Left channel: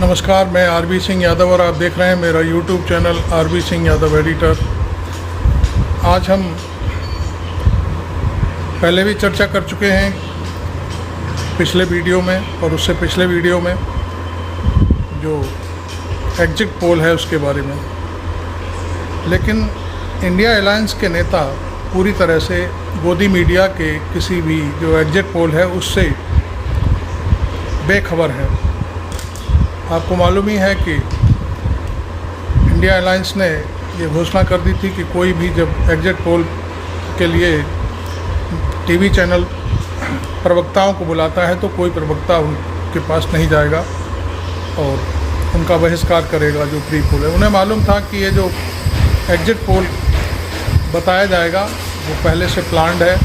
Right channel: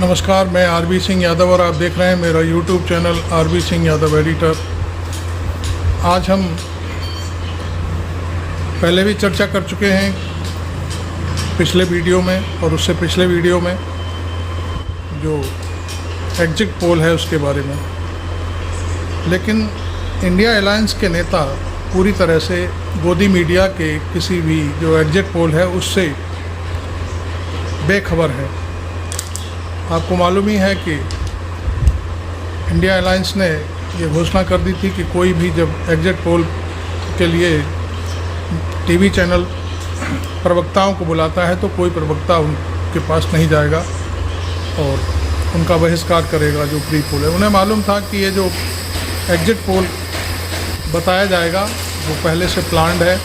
नमस्कार, मैं आरबी सिंह यादव और आप देख रहे हैं मेरा YouTube channel RB Singh Yadav editor. आज हम पहले भी चर्चा कर चुके हैं पिछले वीडियो में और उससे पिछले वीडियो में जो एग्जिट पोल है उसके बारे में, लेकिन इंडिया अलायंस के नेता पूरी तरह से गोदी मीडिया के किसी भी जो एग्जिट पोल है उससे बेखबर है। आपको मालूम ही है कि इंडिया अलायंस ने ये घोषणा कर दी थी कि कोई भी जब एग्जिट पोल के लिए टीवी चैनल प्रवक्ताओं को बुलाता है तो कोई प्रवक्ता उनके पास नहीं जाएगा और उनका बहिष्कार करेगा जो प्री पोल है। उन्हें मालूम था कि ये जो एग्जिट पोल बताया जाएगा वो पहले से प्लान्ड है।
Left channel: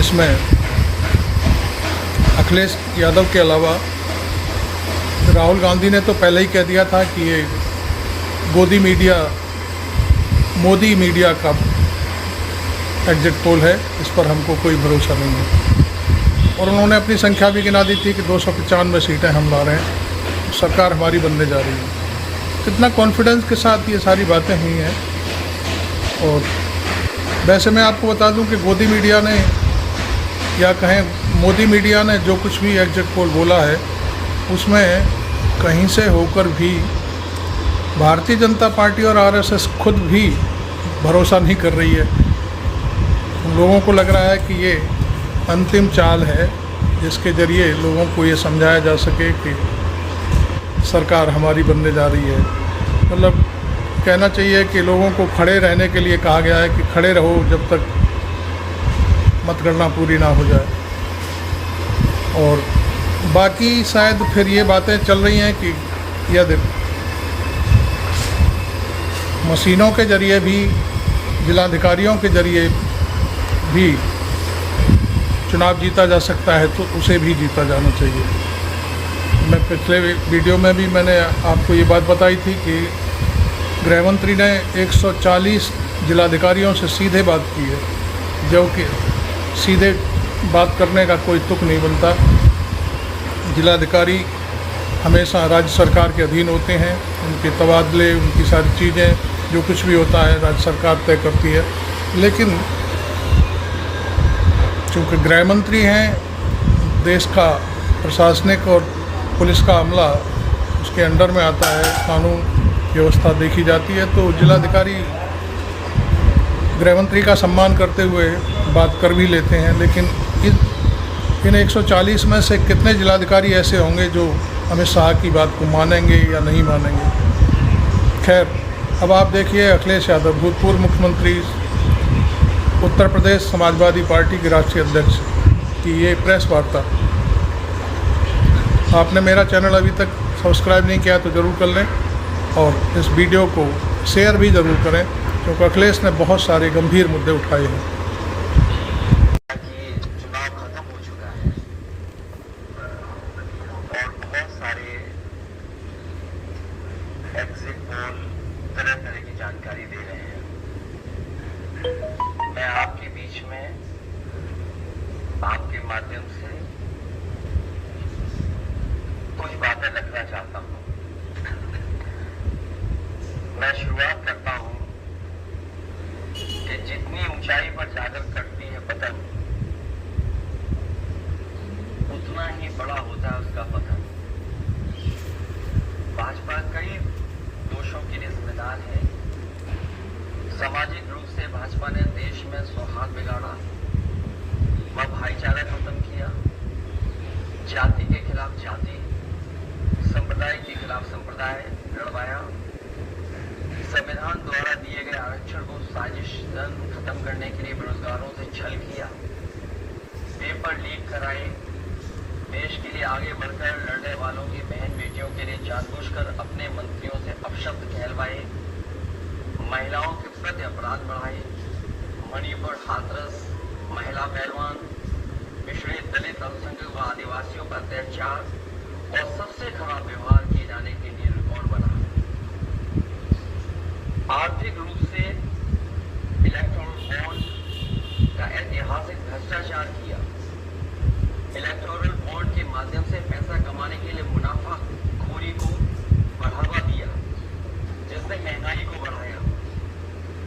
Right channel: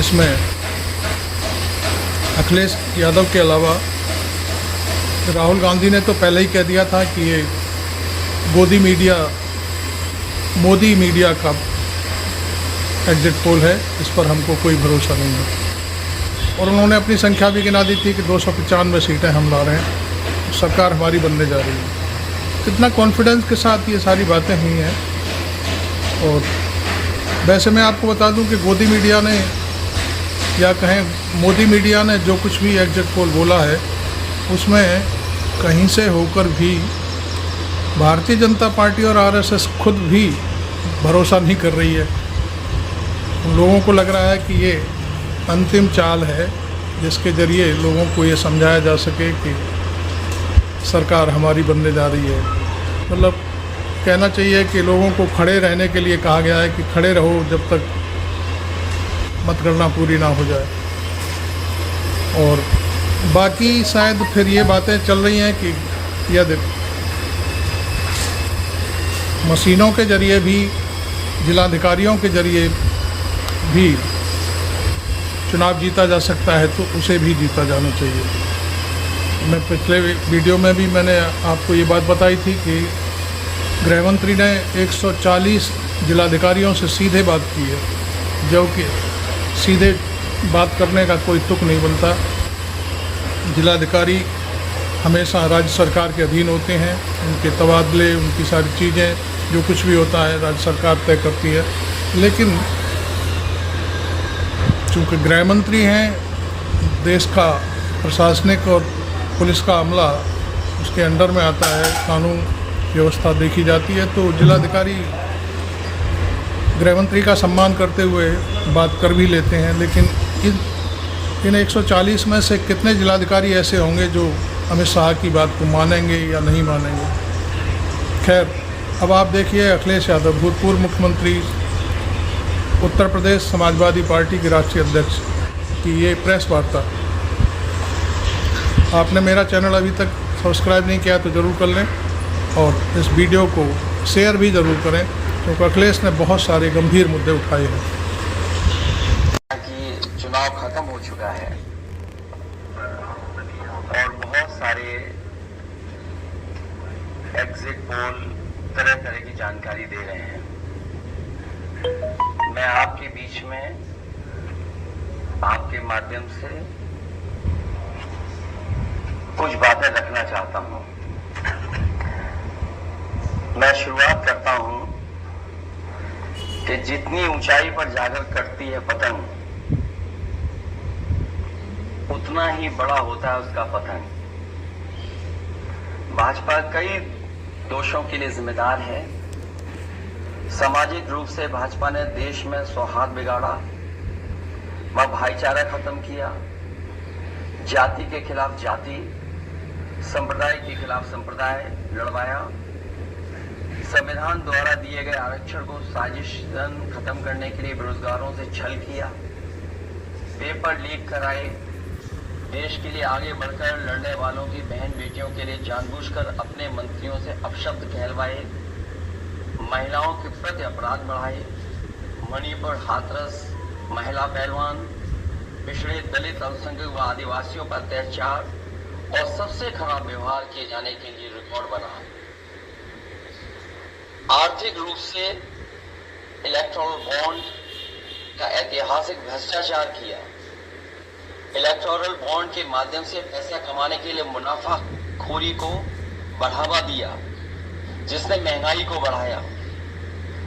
इसमें अखिलेश यादव के अलावा राहुल गांधी ने तो पहले ही कह दिया था कि ये मोदी मीडिया का एग्जिट पोल है, इस पर हमको कोई भरोसा नहीं है। और उन्होंने अपनी संख्या भी गिना दी थी कि 295 सीटें हम ला रहे हैं, सरकार हमारी बनने जा रही है। कितना कॉन्फिडेंस के साथ ये सारी बातें हुई हैं। और वैसे मैं आपको बता दूं कि गोदी मीडिया ने या कहें मोदी मीडिया ने जो कुछ भी एग्जिट पोल बोला है उसमें कहीं से होकर भी भारतीय जनता पार्टी और आरएसएस खुद भी भरोसा नहीं कर रही है। उन लोगों को लग रहा है कि ये अंतिम चाल है जिसके ज़रिए लोगों को ये समझाया जा सके कि सरकार हमारी बनने जा रही है। मतलब कहना चाहिए कि लोगों को खड़े रहने के लिए कहा गया है कि खड़े रहो जब तक मतगणना पूरी ना हो जाए। और बाकी शायद फिर ये बातें चल रही हैं कि यदि मशीनों के ज़रिए भी, जिलाधिकारियों के ज़रिए भी चुनाव जीता जा सकता है तो उसे भी जीता जाना चाहिए। मैं पिछले वीडियो में भी मैंने आपको ये बात बताई थी कि गृह मंत्री ने 140 जिलाधिकारियों से सीधे बात की है, जो कि सीधे बात करने का कोई तुक नहीं बनता। जिलाधिकारी हमेशा राज्य सरकार के अधीन होते हैं, उनके तबादले, उनकी सारी चीज़ें जो कुछ भी होता है राज्य सरकार तय करती है। लेकिन चूँकि गृह मंत्री हैं, देश का प्रशासनिक और पुलिस का अमला उसके अंडर में आता है, कानून व्यवस्था देखी जाती है, तो जिलाधिकारी गृह मंत्री का सम्मान करते हुए बात कर भी लेते हैं। लेकिन इन 140 में से कितने जिलाधिकारी ऐसे होंगे जो अमित शाह की बात को मानेंगे या नहीं मानेंगे। खैर, अब आप देखिए अखिलेश यादव, भूतपूर्व मुख्यमंत्री, उत्तर प्रदेश समाजवादी पार्टी के राष्ट्रीय अध्यक्ष की ये प्रेस वार्ता। आपने मेरा चैनल अभी तक सब्सक्राइब नहीं किया तो ज़रूर कर लें और इस वीडियो को शेयर भी ज़रूर करें, क्योंकि अखिलेश ने बहुत सारे गंभीर मुद्दे उठाए हैं। चुनाव खत्म हो चुका है और बहुत सारे एग्जिट पोल तरह तरह की जानकारी दे रहे हैं। मैं आपके बीच में आपके माध्यम से कुछ बातें रखना चाहता हूं। मैं शुरुआत करता हूं कि जितनी ऊंचाई पर जाकर कटती है पतंग, उतना ही बड़ा होता है उसका पतन। भाजपा कई दोषों के लिए जिम्मेदार है। सामाजिक रूप से भाजपा ने देश में सौहार्द बिगाड़ा, वह भाईचारा खत्म किया, जाति के खिलाफ जाति, संप्रदाय के खिलाफ संप्रदाय लड़वाया, संविधान द्वारा दिए गए आरक्षण को साजिशन खत्म करने के लिए बेरोजगारों से छल किया, पेपर लीक कराए, देश के लिए आगे बढ़कर लड़ने वालों की बहन बेटियों के लिए जानबूझकर अपने मंत्रियों से अपशब्द कहलवाए, महिलाओं के प्रति अपराध बढ़ाए, मणिपुर हाथरस, महिला पहलवान, पिछड़े दलित, अल्पसंख्यक व आदिवासियों पर अत्याचार और सबसे खराब व्यवहार किए जाने के लिए रिकॉर्ड बना। आर्थिक रूप से इलेक्टोरल बॉन्ड का ऐतिहासिक भ्रष्टाचार किया। इलेक्टोरल बॉन्ड के माध्यम से पैसा कमाने के लिए मुनाफा खोरी को बढ़ावा दिया, जिसने महंगाई को बढ़ाया।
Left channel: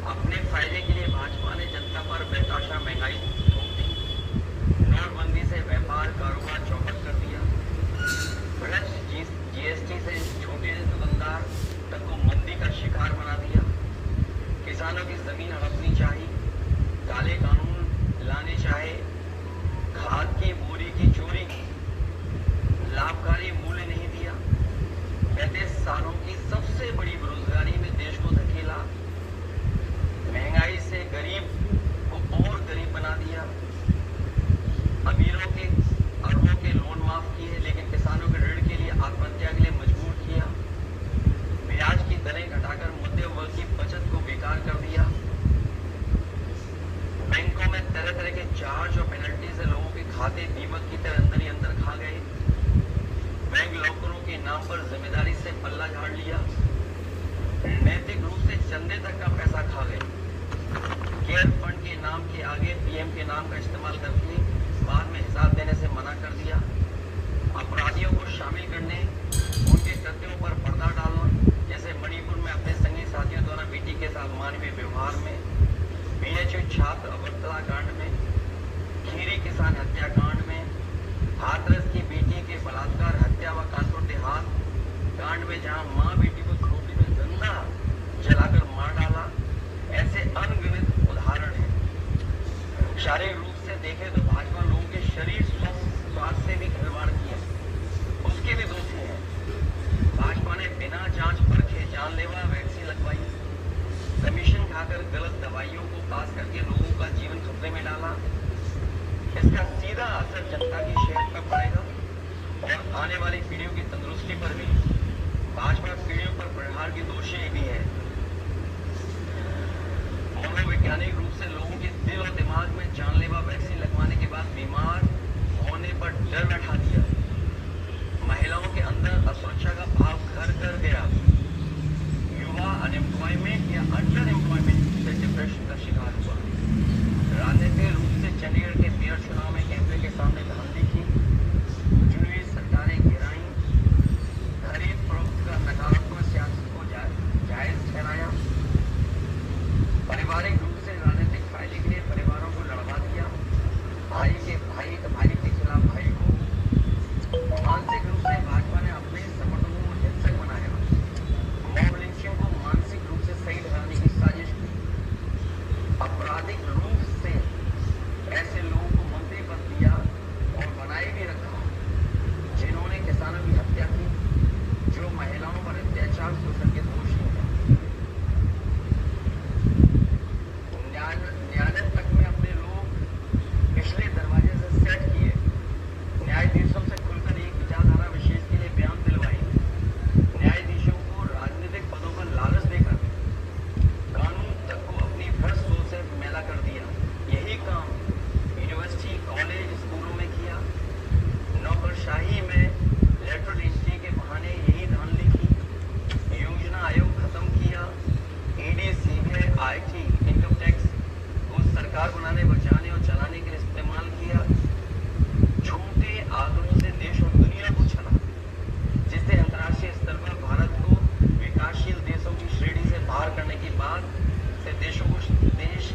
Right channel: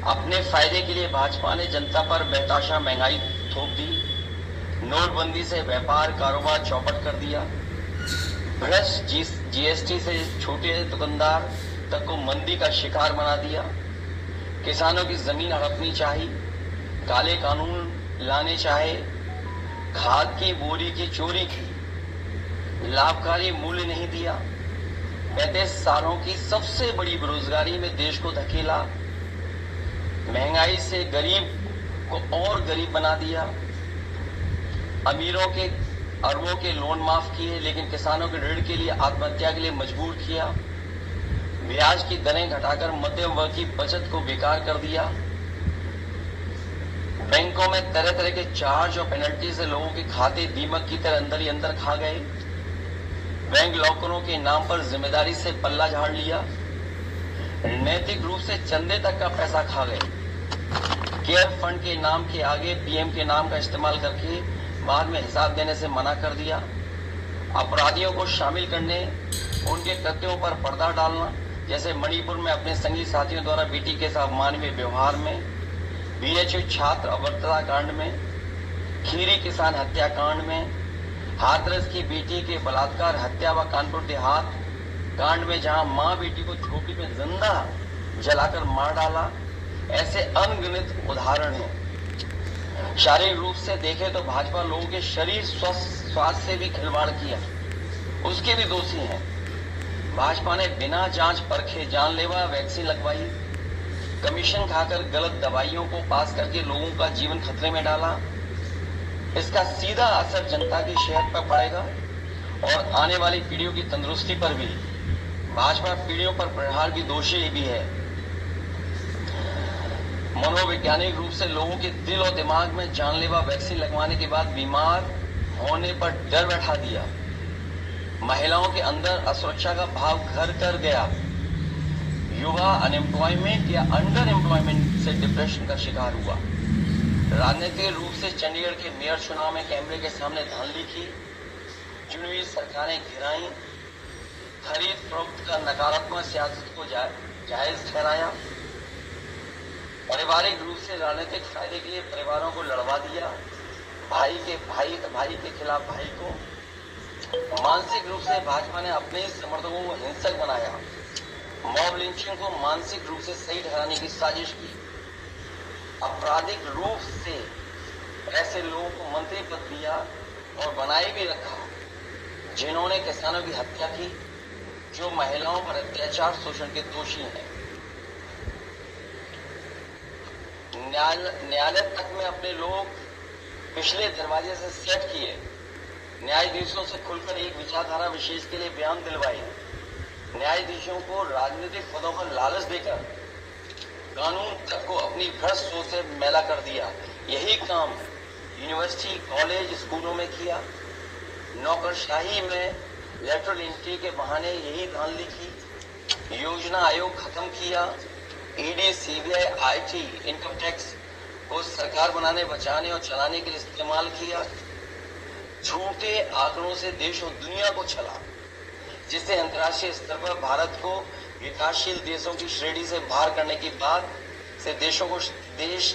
अपने फायदे के लिए भाजपा ने जनता पर बेतहाशा महंगाई थोप दी। नोटबंदी से व्यापार कारोबार चौपट कर दिया। भ्रष्ट जीएसटी से छोटे दुकानदार तक को मंदी का शिकार बना दिया। किसानों की जमीन हड़पनी चाहिए, काले कानून लाने चाहे, खाद की बोरी की चोरी की, लाभकारी मूल्य नहीं दिया, 35 सालों की सबसे बड़ी बेरोजगारी में देश को धकेला, महंगाई से गरीब को और गरीब बना दिया, अमीरों के अरबों के लोन माफ किए लेकिन किसानों के ऋण के लिए आत्महत्या के लिए मजबूर किया, ब्याज की दरें घटाकर मध्यम वर्ग की बचत को बेकार कर दिया, बैंकों में तरह तरह के चार्ज और पेनल्टी से लोगों के खाते दीमक की तरह अंदर ही अंदर खा गए, बैंक लॉकरों के नाम पर जिम्मेदारी से पल्ला झाड़ लिया, नैतिक रूप से चंदे तक का पैसा खा गए, केयर फंड के नाम के आगे पीएम के नाम का इस्तेमाल करके बाद में हिसाब देने से मना कर दिया, अपराधियों को शामिल करने, उनके कृत्यों पर पर्दा डालना, जैसे मणिपुर में अपने संगी साथियों द्वारा बेटी के साथ अमानवीय व्यवहार में, बीएचयू छात्र अभद्रता कांड में, खीरी किसान हत्याकांड में, हाथरस की बेटी के बलात्कार हत्या व कानपुर देहात कांड में जहां मां बेटी को झोपड़ी में जिंदा जलाकर मार डाला, ऐसे अनगिनत उदाहरण हैं। शारीरिक रूप से देखें तो भाजपा लोगों के शरीर स्वास्थ्य से भी खिलवाड़ किया, उसके भी दोषी हैं। भाजपा ने बिना जांच परखे जानलेवा वैक्सीन लगवाई, कमीशन खाकर गलत दवाइयों को पास करके लोगों का जीवन खतरे में डाला। इसका सीधा असर जनता की सेहत पर पड़ेगा और आने वाली पीढ़ियों की तंदुरुस्ती पर भी। भाजपा पीढ़ियों पर प्रहार की दोषी भी है। मनोवैज्ञानिक रूप से लोगों के दिल और दिमाग में जानलेवा वैक्सीन लगवाने के बाद बीमार होने पर डर बैठा दिया। महिलाओं के अंदर असुरक्षा का भाव घर कर गया। युवा अनएम्प्लॉयमेंट या अंडर एम्प्लॉयमेंट से डिप्रेशन का शिकार हुआ। राजनीतिक रूप से चंडीगढ़ के मेयर चुनाव में कैमरे के सामने धांधली की, चुनी सरकारें गिराई, खरीद फरोख्त का नकारात्मक सियासत को जायज ठहराया, पारिवारिक रूप से राजनीतिक फायदे के लिए परिवारों को लड़वा दिया, भाई के खिलाफ भाई को। मानसिक रूप से भाजपा ने अपने समर्थकों को हिंसक बनाया, मॉब लिंचिंग को मानसिक रूप से सही ठहराने की साजिश की, आपराधिक रूप से ऐसे लोगों को मंत्री पद दिया और बनाए भी रखा जिन्होंने किसानों की हत्या की, जो महिलाओं पर अत्याचार शोषण के दोषी हैं। न्यायालय तक में अपने लोग पिछले दरवाजे से सेट किए, न्यायाधीशों से खुलकर एक विचारधारा विशेष के लिए बयान दिलवाई, न्यायाधीशों को राजनीतिक पदों पर लालच देकर कानून तक को अपनी भ्रष्ट सोच से मैला कर दिया। यही काम यूनिवर्सिटी कॉलेज स्कूलों में किया। नौकरशाही में लेटरल एंट्री के बहाने यही धांधली की। योजना आयोग खत्म किया। ED CBI IT income tax को सरकार बनाने बचाने और चलाने के लिए इस्तेमाल किया। झूठे आंकड़ों से देश और दुनिया को छला, जिससे अंतर्राष्ट्रीय स्तर पर भारत को विकासशील देशों की श्रेणी से बाहर करने की बात से देश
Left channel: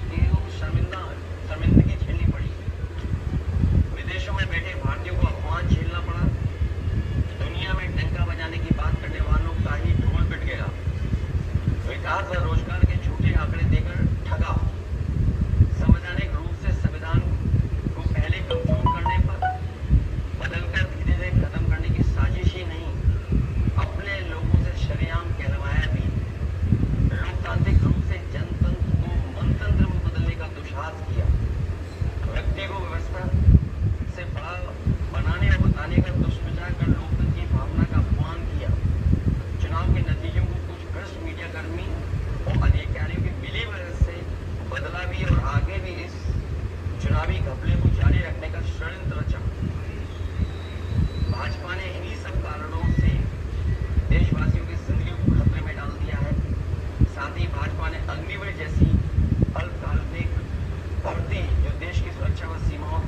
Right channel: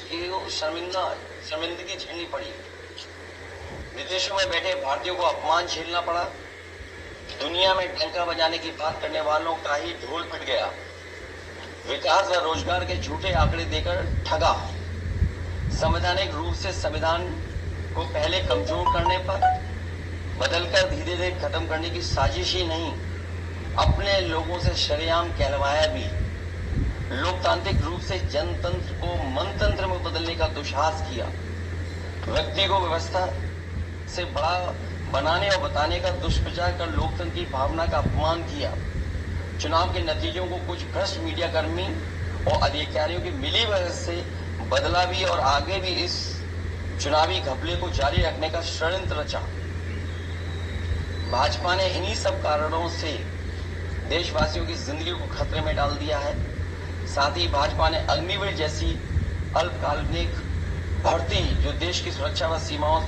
की शर्मिंदगी झेलनी पड़ी। विदेशों में बैठे भारतीयों को अपमान झेलना पड़ा। दुनिया में डंका बजाने की बात करने वालों का ही ढोल पिट गया। विकास व रोजगार के झूठे आंकड़े देकर ठगा। संवैधानिक रूप से संविधान को पहले कमजोर करने पर बदलकर धीरे धीरे खत्म करने की साजिश ही नहीं, अपने लोगों से शरेआम कहलवाया भी। लोकतांत्रिक रूप से जनतंत्र को मनतंत्र में बदलने का दुस्साहस किया। व्यक्ति को व्यवस्था से बड़ा बनाने और बताने का दुष्प्रचार कर लोकतंत्र की भावना का अपमान किया। चुनाव के नतीजों को कुछ भ्रष्ट मीडियाकर्मी और अधिकारियों की मिली वजह से बदला भी और आगे भी इस चुनावी घपले को जारी रखने का षड्यंत्र रचा। भाजपा ने इन्हीं सब कारणों से देशवासियों की जिंदगी को खतरे में डाल दिया है। साथ ही भाजपा ने अग्निवीर जैसी अल्पकालिक भर्ती जो देश की सुरक्षा व सीमाओं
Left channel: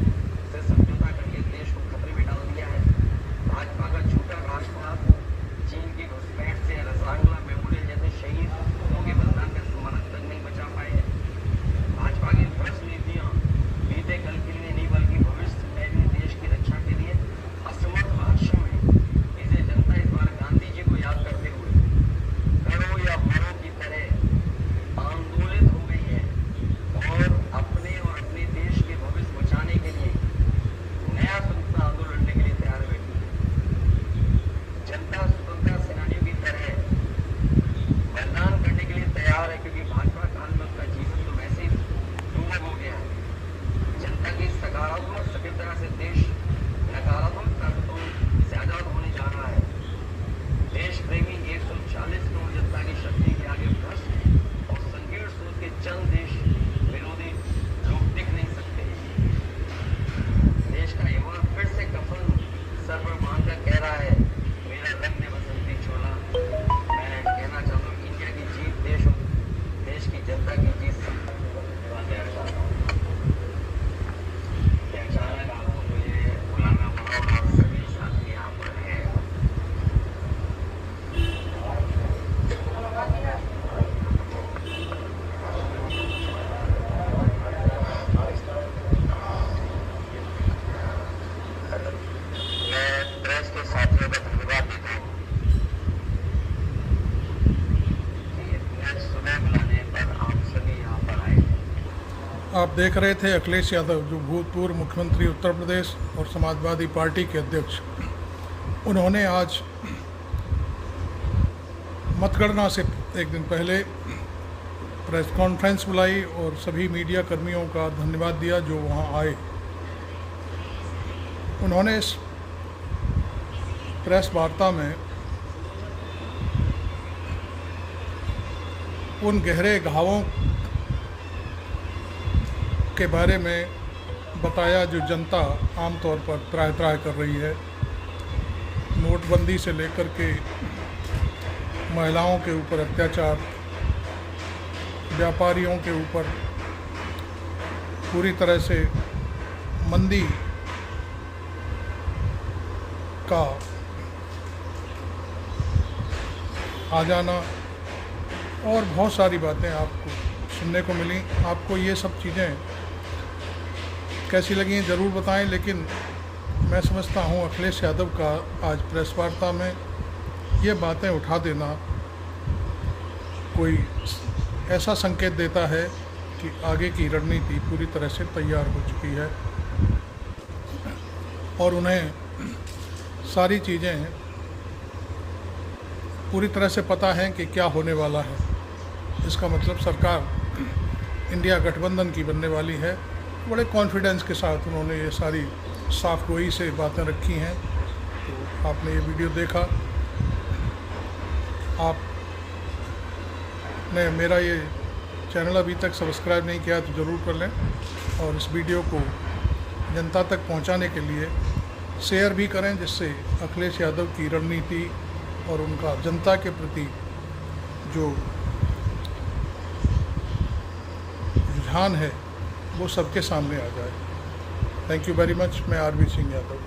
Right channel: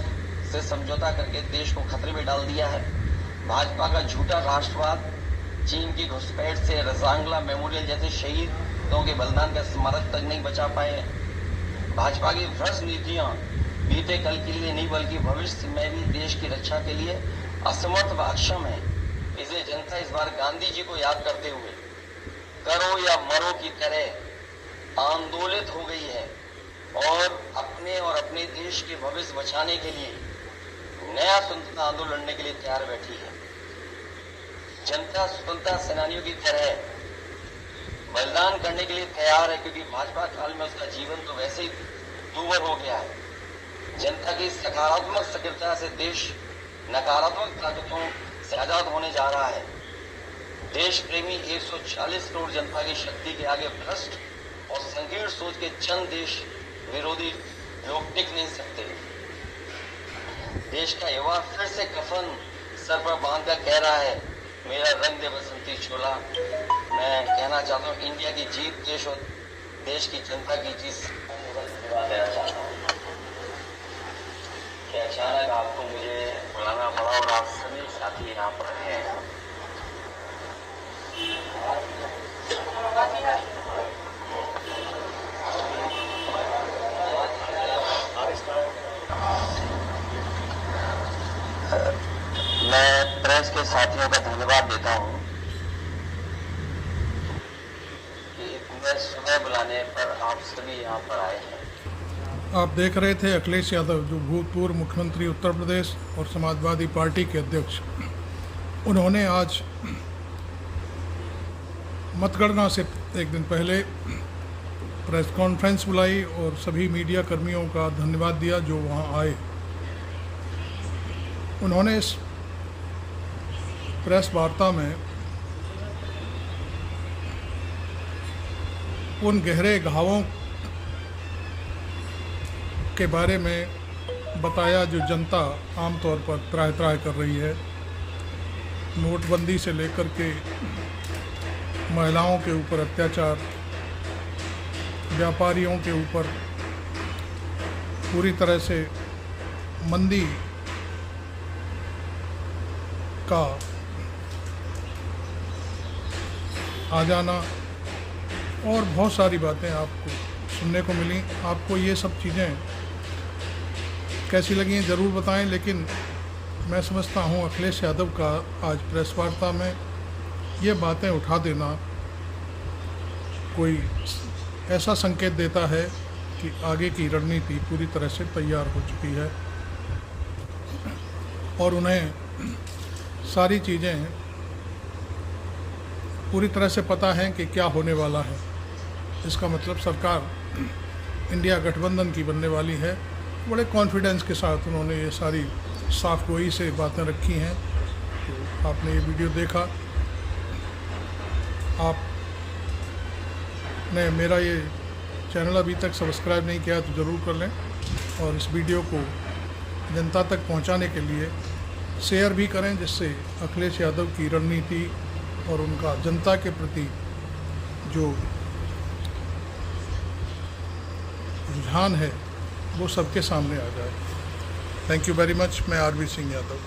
से समझौता करके देश को खतरे में डाल दिया है। भाजपा का झूठा राष्ट्रवाद चीन की घुसपैठ से रसांगला मेमोरियल जैसे शहीदों के बलिदान का स्मारक तक नहीं बचा पाए हैं। भाजपा की भ्रष्ट नीतियां बीते कल के लिए नहीं बल्कि भविष्य में भी देश की रक्षा के लिए असमर्थ व अक्षम है। इसलिए जनता इस बार गांधी जी को याद करते हुए करो या मरो की तरह आंदोलित हो गई है और अपने देश के भविष्य बचाने के लिए नया स्वतंत्रता आंदोलन लड़ने के लिए तैयार बैठी है। जनता स्वतंत्रता सेनानियों की तरह बलिदान करने के लिए तैयार है, क्योंकि भाजपा काल में उसका जीवन तो वैसे ही दूभर हो गया है। जनता की सकारात्मक सक्रियता से देश नकारात्मक ताकतों से आजाद होने जा रहा है। देश प्रेमी 140 करोड़ जनता की शक्ति के आगे भ्रष्ट और संकीर्ण सोच के चंद देश विरोधी लोग टिक नहीं सकते। देश का युवा फिर से कफन सर पर बांध कर कह रहा है, मेरा रंग दे बसंती चोला। मैं कहना चाहता हूँ, इंडिया की जीत देश और देश की जनता की जीत से देना चाहता हूँ। कि अचानक आपको मुझे बुलाना पड़ा और आप सभी साथी यहाँ पर हैं। मैं प्रेस के साथियों का धन्यवाद देता हूँ कि इतने सुने बुलाने पर आप सभी यहाँ पर आए हैं। आप देख रहे थे अखिलेश यादव, जो भूतपूर्व मुख्यमंत्री उत्तर प्रदेश और समाजवादी पार्टी के अध्यक्ष। उन्होंने आज मतगणना से एक दिन पहले प्रेस कॉन्फ्रेंस बुलाई और सभी मीडिया कर्मियों का धन्यवाद दिया जो वहां आए। उन्होंने इस प्रेस वार्ता में उन गहरे घावों के बारे में बताया जो जनता आमतौर पर त्राह कर रही है। नोटबंदी से लेकर के महिलाओं के ऊपर अत्याचार, व्यापारियों के ऊपर पूरी तरह से मंदी का आ जाना और बहुत सारी बातें आपको सुनने को मिली। आपको ये सब चीज़ें कैसी लगी हैं ज़रूर बताएं, लेकिन मैं समझता हूँ अखिलेश यादव का आज प्रेस वार्ता में ये बातें उठा देना कोई ऐसा संकेत देता है कि आगे की रणनीति पूरी तरह से तैयार हो चुकी है और उन्हें सारी चीज़ें पूरी तरह से पता है कि क्या होने वाला है। इसका मतलब सरकार इंडिया गठबंधन की बनने वाली है। बड़े कॉन्फिडेंस के साथ उन्होंने ये सारी साफ गोई से बातें रखी हैं। तो आपने ये वीडियो देखा, आपने मेरा ये चैनल अभी तक सब्सक्राइब नहीं किया तो ज़रूर कर लें और इस वीडियो को जनता तक पहुंचाने के लिए शेयर भी करें, जिससे अखिलेश यादव की रणनीति और उनका जनता के प्रति जो रुझान है वो सबके सामने आ जाए। Thank you very much. मैं आरबी सिंह यादव।